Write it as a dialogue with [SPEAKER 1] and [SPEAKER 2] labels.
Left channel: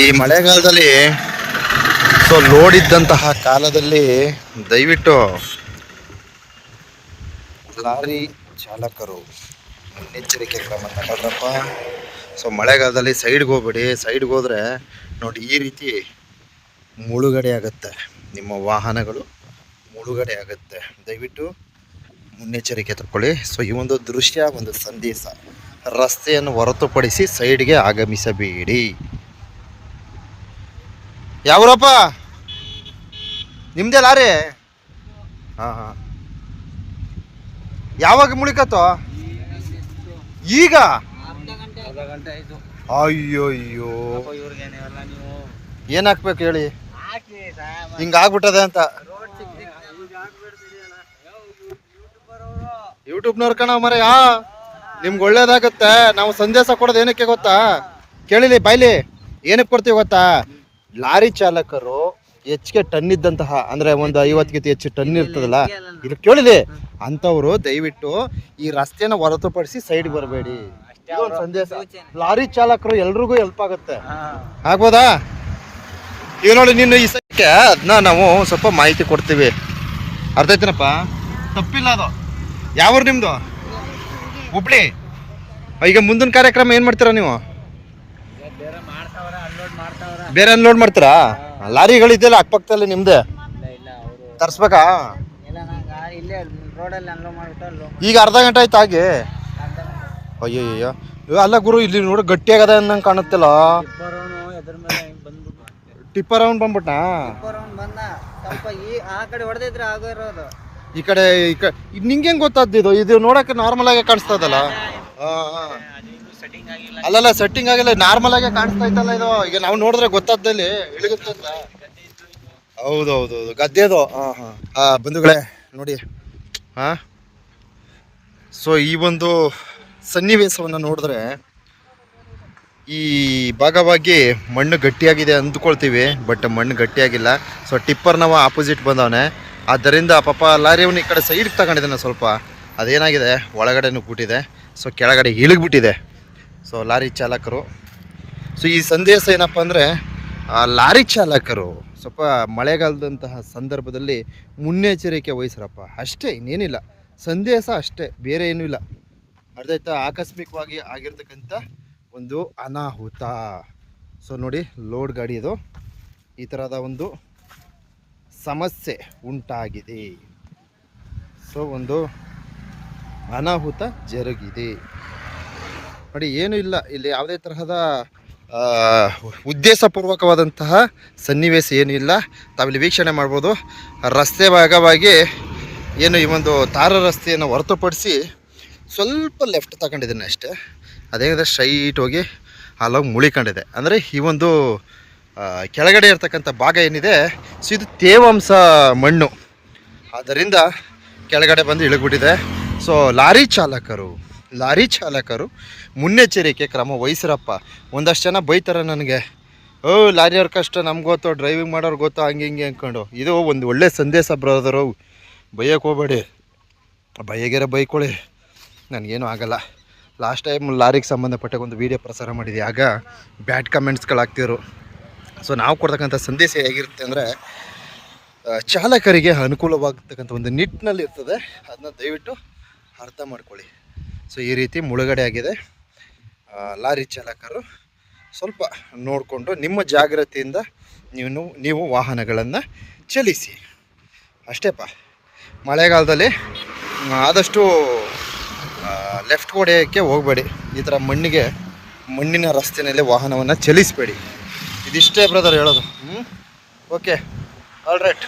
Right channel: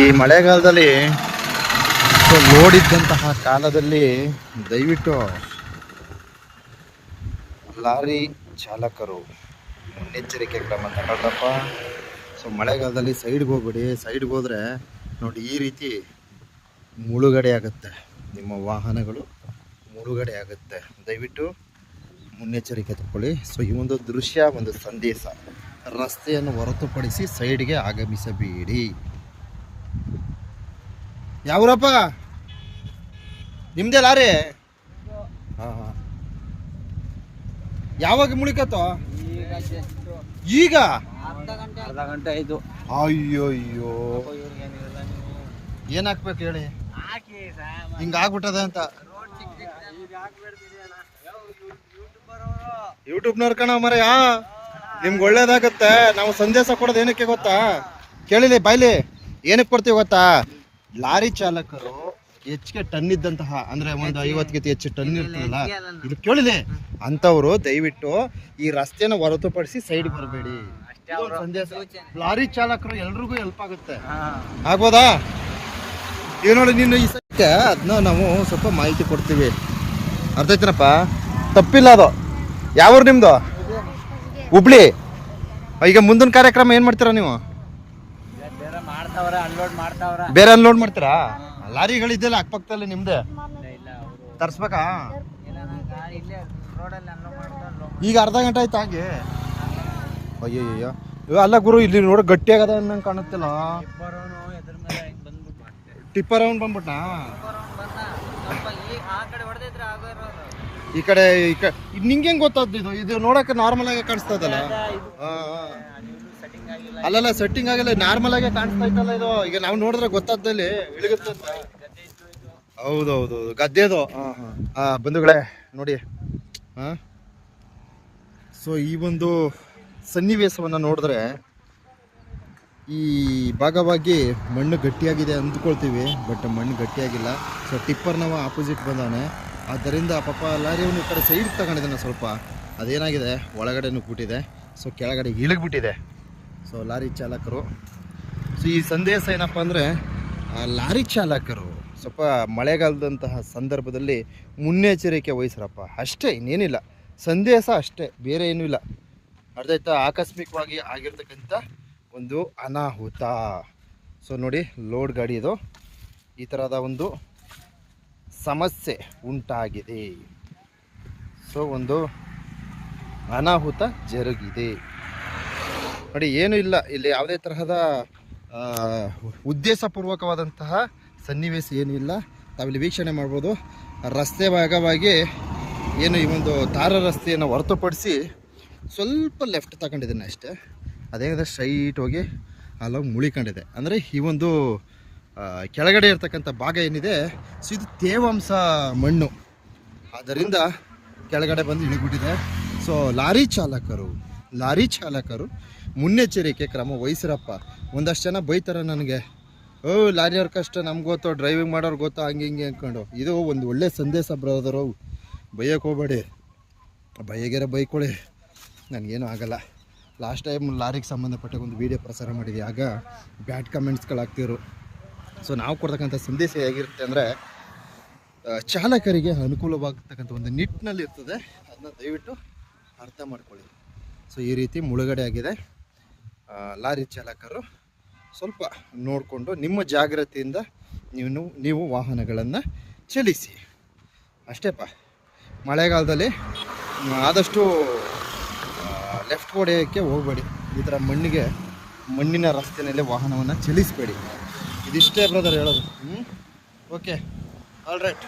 [SPEAKER 1] ಈ ಮಳೆಗಾಲದಲ್ಲಿ so load ಇದ್ದಂತಹ ಕಾಲದಲ್ಲಿ ದಯವಿಟ್ಟು ಲಾರಿ ಚಾಲಕರು ಮುನ್ನೆಚ್ಚರಿಕೆ ಕ್ರಮ ತಗೊಳ್ರಪ್ಪ. ಸೊ ಮಳೆಗಾಲದಲ್ಲಿ ಸೈಡ್ಗೆ ಹೋಗ್ಬೇಡಿ. ಸೈಡ್ಗೆ ಹೋದರೆ ನೋಡಿ ಈ ರೀತಿ ಮುಳುಗಡೆ ಆಗುತ್ತೆ. ನಿಮ್ಮ ವಾಹನಗಳು ಮುಳುಗಡೆ ಆಗುತ್ತೆ. ದಯವಿಟ್ಟು ಮುನ್ನೆಚ್ಚರಿಕೆ ತಕ್ಕೊಳ್ಳಿ ಸೊ ಈ ಒಂದು ದೃಶ್ಯ, ಒಂದು ಸಂದೇಶ ರಸ್ತೆಯನ್ನು ಹೊರತುಪಡಿಸಿ ಸೈಡ್ಗೆ ಆಗಮಿಸಬೇಡಿ. ಯಾವ್ರಪ್ಪ? ನಿಮ್ದೇ ಲಾರಿ? ಹಾಂ ಹಾಂ. ಯಾವಾಗ ಮುಳಿಕತ್ತೋ? ಈಗ? ಅಯ್ಯೋ ಅಯ್ಯೋ ಏನ್ ಹಾಕ್ಬೇಕು ಹೇಳಿ? ಹಿಂಗ ಆಗ್ಬಿಟ್ಟದೆ ಅಂತ. ಯೂಟ್ಯೂಬ್ನವ್ರ ಕಣ ಮರ ಯಾ ನಿಮ್ಗೆ ಒಳ್ಳೇದಾಗತ್ತೆ. ನಾವು ಸಂದೇಶ ಕೊಡೋದು ಏನಕ್ಕೆ ಗೊತ್ತಾ? ಕೇಳಿಲಿ, ಬಾಯ್ಲಿ. ಏನಕ್ಕೆ ಕೊಡ್ತೀವಿ ಗೊತ್ತಾ? ಲಾರಿ ಚಾಲಕರು ಹೆಚ್ಚಿಗೆ ಟನ್ ಇದ್ದಂತಹ ಅಂದ್ರೆ ಒಂದು ಐವತ್ತಿಗಿಂತ ಹೆಚ್ಚು ಟನ್ ಇರ್ತದಲ್ಲ? ಇದು ಕೇಳಿದೆ ಅಂತವ್ರು ದಯವಿಟ್ಟು ಈ ರಸ್ತೆನ ಹೊರತುಪಡಿಸಿ ಸೈಡ್ ಬರಬೇಡಿ. ಇದೊಂದು ಸಂದೇಶ ಲಾರಿ ಚಾಲಕರು ಎಲ್ರಿಗೂ ಹೆಲ್ಪ್ ಆಗುತ್ತೆ. ಆಗ್ಬೋದಾ? ಈಗ ನೋಡಿ ನೀನು ಈ ಸತ್ಯಕ್ಕೆ ಅದನ್ನ ನಾವು ಸ್ವಲ್ಪ ಮಾಹಿತಿ ಕೊಡ್ತೀವಿ. ಅರ್ಥ ಆಯ್ತನಪ್ಪ ತಪ್ಪಿಲ್ಲ ಅದು. ಯಾವ್ರು ನಿಮ್ಮದು ನಿಮ್ದು ಹುಬ್ಳಿ. ಈಗ ಮುಂದಿನ ಕಾರ್ಯಕ್ರಮ ಏನು ಮಾಡ್ತೀರಾ ನೀವು?
[SPEAKER 2] ಬೇರೆ ಅನ್ಲೋಡ್
[SPEAKER 1] ಮಾಡ್ತೀರಾ? ಲಾರಿಗಳು ಲಾರಿಗಳಿದೆಯಲ್ಲ ಅಕ್ಕಪಕ್ಕದಲ್ಲಿ ನಿಮ್ದೆ? ತರ್ಸ್ಬೇಕಾ? ಈಗ ಅರ್ಧ ಗಂಟೆ ಆಯ್ತು ಆಗಿ ಅಯ್ಯಯ್ಯೋ ಇವ್ ಅಲ್ಲ ಗುರು ಇಲ್ಲಿ ನೋಡಿ ಗಟ್ಟಿಯಾಗದ ಅನ್ನಂಗೆ ಕಾಣುತ್ತಿಲ್ಲ. ಟಿಪ್ಪರ್ ಅವ್ನು ಬಂದ್ಬಿಟ್ನಾ?
[SPEAKER 2] ಈ ಕಡೆ
[SPEAKER 1] ಈ ಕಡೆ ನಿಂಗೆ ಗೊತ್ತಾದ್ದು ಇದು ಇದು ನೋಡಕ್ಕೆ ನಾರ್ಮಲ್ ಆಗಿ ಕಾಣಿಸ್ತದಲ್ಲ ಹಾ ಅಲ್ಲಲ್ಲ ಸೆಟ್ಟಿಂಗ್ ಆಗಿಲ್ಲ ನಾರ್ಮಲ್ ಆಗಿ ಕಾಣಿಸ್ತಾ ಇತ್ತಲ್ಲ ಇದು. ಈಗ ನಾವು ನೋಡಿದ್ರೆ ಗೊತ್ತಾದಲ್ಲಿ ಇಳಿಗುತ್ತೆ ಅಂತ. ಹೌದು ಹೌದು ಹೌದು ಗದ್ದೆದು. ಹಾಂ ಹಾಂ. ಆ ಬಂಧುಗಳೇ ನೋಡಿ. ಹಾಂ ಸೊ ಈ ಒಂದು ಸನ್ನಿವೇಶವನ್ನು ನೋಡಿದ್ರೆ ಈ ಭಾಗವಾಗಿ ಮಣ್ಣು ಗಟ್ಟಿಯಾಗಿದೆ ಅಂದ್ಕೊಳ್ತೀವಿ ಬಟ್ ಮಣ್ಣು ಗಟ್ಟಿಯಾಗಿಲ್ಲ. ಸೊ ಟಿಪ್ಪರ್ ನಾವು ಆಪೋಸಿಟ್ ಬಂದವನೆ. ಆದ್ದರಿಂದ ಪಾಪ ಲಾರಿಯವನು ಈ ಕಡೆ ಸೈಡ್ ತಗೊಂಡಿದ್ದಾನೆ ಸ್ವಲ್ಪ. ಅದೇನಾಗಿದೆ? ಒಳಗಡೆನೂ ಕೂಟಿದೆ ಸೊ ಕೆಳಗಡೆ ಇಳಿಗ್ಬಿಟ್ಟಿದೆ. ಸೊ ಲಾರಿ ಚಾಲಕರು. ಸೊ ಈ ಸಂದೇಶ ಏನಪ್ಪ ಅಂದರೆ ಲಾರಿ ಚಾಲಕರು ಸ್ವಲ್ಪ ಮಳೆಗಾಲದಂತಹ ಸಂದರ್ಭದಲ್ಲಿ ಮುನ್ನೆಚ್ಚರಿಕೆ ವಹಿಸ್ರಪ್ಪ. ಅಷ್ಟೇ, ಇನ್ನೇನಿಲ್ಲ. ಸಂದೇಶ ಅಷ್ಟೇ, ಬೇರೆ ಏನೂ ಇಲ್ಲ. ಅರ್ಧ ಆಯ್ತಾ? ಆಕಸ್ಮಿಕವಾಗಿ ಆಗಿರ್ತಕ್ಕಂಥ ಒಂದು ಅನಾಹುತ. ಸೊ ನೋಡಿ ಲೋಡ್ ಗಾಡಿ ಇದು. ಈ ಥರದ ಒಂದು ಸಮಸ್ಯೆ ಉಂಟಾಗಿದೆ. ಸೊ ಒಂದು ಅನಾಹುತ ಜರುಗಿದೆ. ನೋಡಿ, ಏನೂ ಇಲ್ಲ. ಇಲ್ಲಿ ಯಾವುದೇ ತರಹದ ಉದ್ದೇಶಪೂರ್ವಕವಾದಂತಹ ಸನ್ನಿವೇಶ ಏನೂ ಇಲ್ಲ. ತಾವಿಲ್ಲಿ ವೀಕ್ಷಣೆ ಮಾಡ್ಬೋದು. ರಸ್ತೆ ಭಾಗವಾಗಿ ಏನು ಈ ಒಂದು ತಾರ ರಸ್ತೆಯನ್ನು ಹೊರತುಪಡಿಸಿ ಸ್ವಲ್ಪ ಲೆಫ್ಟ್ ತಗೊಂಡಿದ್ದೀನಿ ಅಷ್ಟೇ. ಅದೇನಿದೆ ಸ್ಟ್ರೈಟ್ ಹೋಗಿ ಅಲ್ಲೋಗಿ ಮುಳಿಕೊಂಡಿದೆ. ಅಂದರೆ ಈ ಒಂದು ಕೆಳಗಡೆ ಇರ್ತಕ್ಕಂಥ ಭಾಗ ಏನಿದೆ, ಸೊ ಇದು ತೇವಾಂಶ ಮಣ್ಣು. ಆದ್ದರಿಂದ ಕೆಳಗಡೆ ಬಂದು ಇಳಿಬಿಟ್ಟಿದೆ ಸೊ ಲಾರಿ ಚಾಲಕರು ಲಾರಿ ಚಾಲಕರು ಮುನ್ನೆಚ್ಚರಿಕೆ ಕ್ರಮ ವಹಿಸಿರಪ್ಪ. ಒಂದಷ್ಟು ಜನ ಬೈತಾರೆ ನನಗೆ. ಓ ಲಾರಿಯವ್ರ ಕಷ್ಟ, ನಮ್ಗೆ ಗೊತ್ತು ಡ್ರೈವಿಂಗ್ ಮಾಡೋರು ಗೊತ್ತೋ, ಹಂಗೆ ಹಿಂಗೆ ಅಂದ್ಕೊಂಡು ಇದು ಒಂದು ಒಳ್ಳೆ ಸಂದೇಶ ಬ್ರದರು ಬೈಯಕ್ಕೆ ಹೋಗ್ಬೇಡಿ. ಬೈಯಗೆರೆ ಬೈಕೊಳ್ಳಿ ನನಗೇನು ಆಗಲ್ಲ. ಲಾಸ್ಟ್ ಟೈಮ್ ಲಾರಿಗೆ ಸಂಬಂಧಪಟ್ಟ ಒಂದು ವಿಡಿಯೋ ಪ್ರಸಾರ ಮಾಡಿದೆ. ಆಗ ಬ್ಯಾಡ್ ಕಮೆಂಟ್ಸ್ಗಳಾಗ್ತಿದ್ರು. ಸೊ, ನಾವು ಕೊಡ್ತಕ್ಕಂಥ ಸಂದೇಶ ಹೇಗಿರುತ್ತೆ ಅಂದರೆ ಚಾಲಕರಿಗೆ ಅನುಕೂಲವಾಗತಕ್ಕಂಥ ಒಂದು ನಿಟ್ಟಿನಲ್ಲಿ ಇರ್ತದೆ ಅದನ್ನ ದಯವಿಟ್ಟು ಅರ್ಥ ಮಾಡ್ಕೊಳ್ಳಿ. ಸೊ ಈ ರೀತಿ ಮುಳುಗಡೆ ಆಗಿದೆ. ಲಾರಿ ಚಾಲಕರು ಸ್ವಲ್ಪ ನೋಡಿಕೊಂಡು ನಿಮ್ಮ ಜಾಗ್ರತೆಯಿಂದ ನೀವು ನೀವು ವಾಹನಗಳನ್ನು ಚಲಿಸಿ. ಅಷ್ಟೇಪ್ಪ ಮಳೆಗಾಲದಲ್ಲಿ ಆದಷ್ಟು ಲೆಫ್ಟ್ ಕೊಡೆಯೋಕ್ಕೆ ಹೋಗಬೇಡಿ. ಈ ಥರ ಮಣ್ಣಿಗೆ, ಮಣ್ಣಿನ ರಸ್ತೆಯಲ್ಲಿ ವಾಹನವನ್ನು ಚಲಿಸಬೇಡಿ. ಇದಿಷ್ಟೇ ಬ್ರದರ್ ಹೇಳೋದು. ಹ್ಞೂ ಓಕೆ ಆಲ್ ರೈಟ್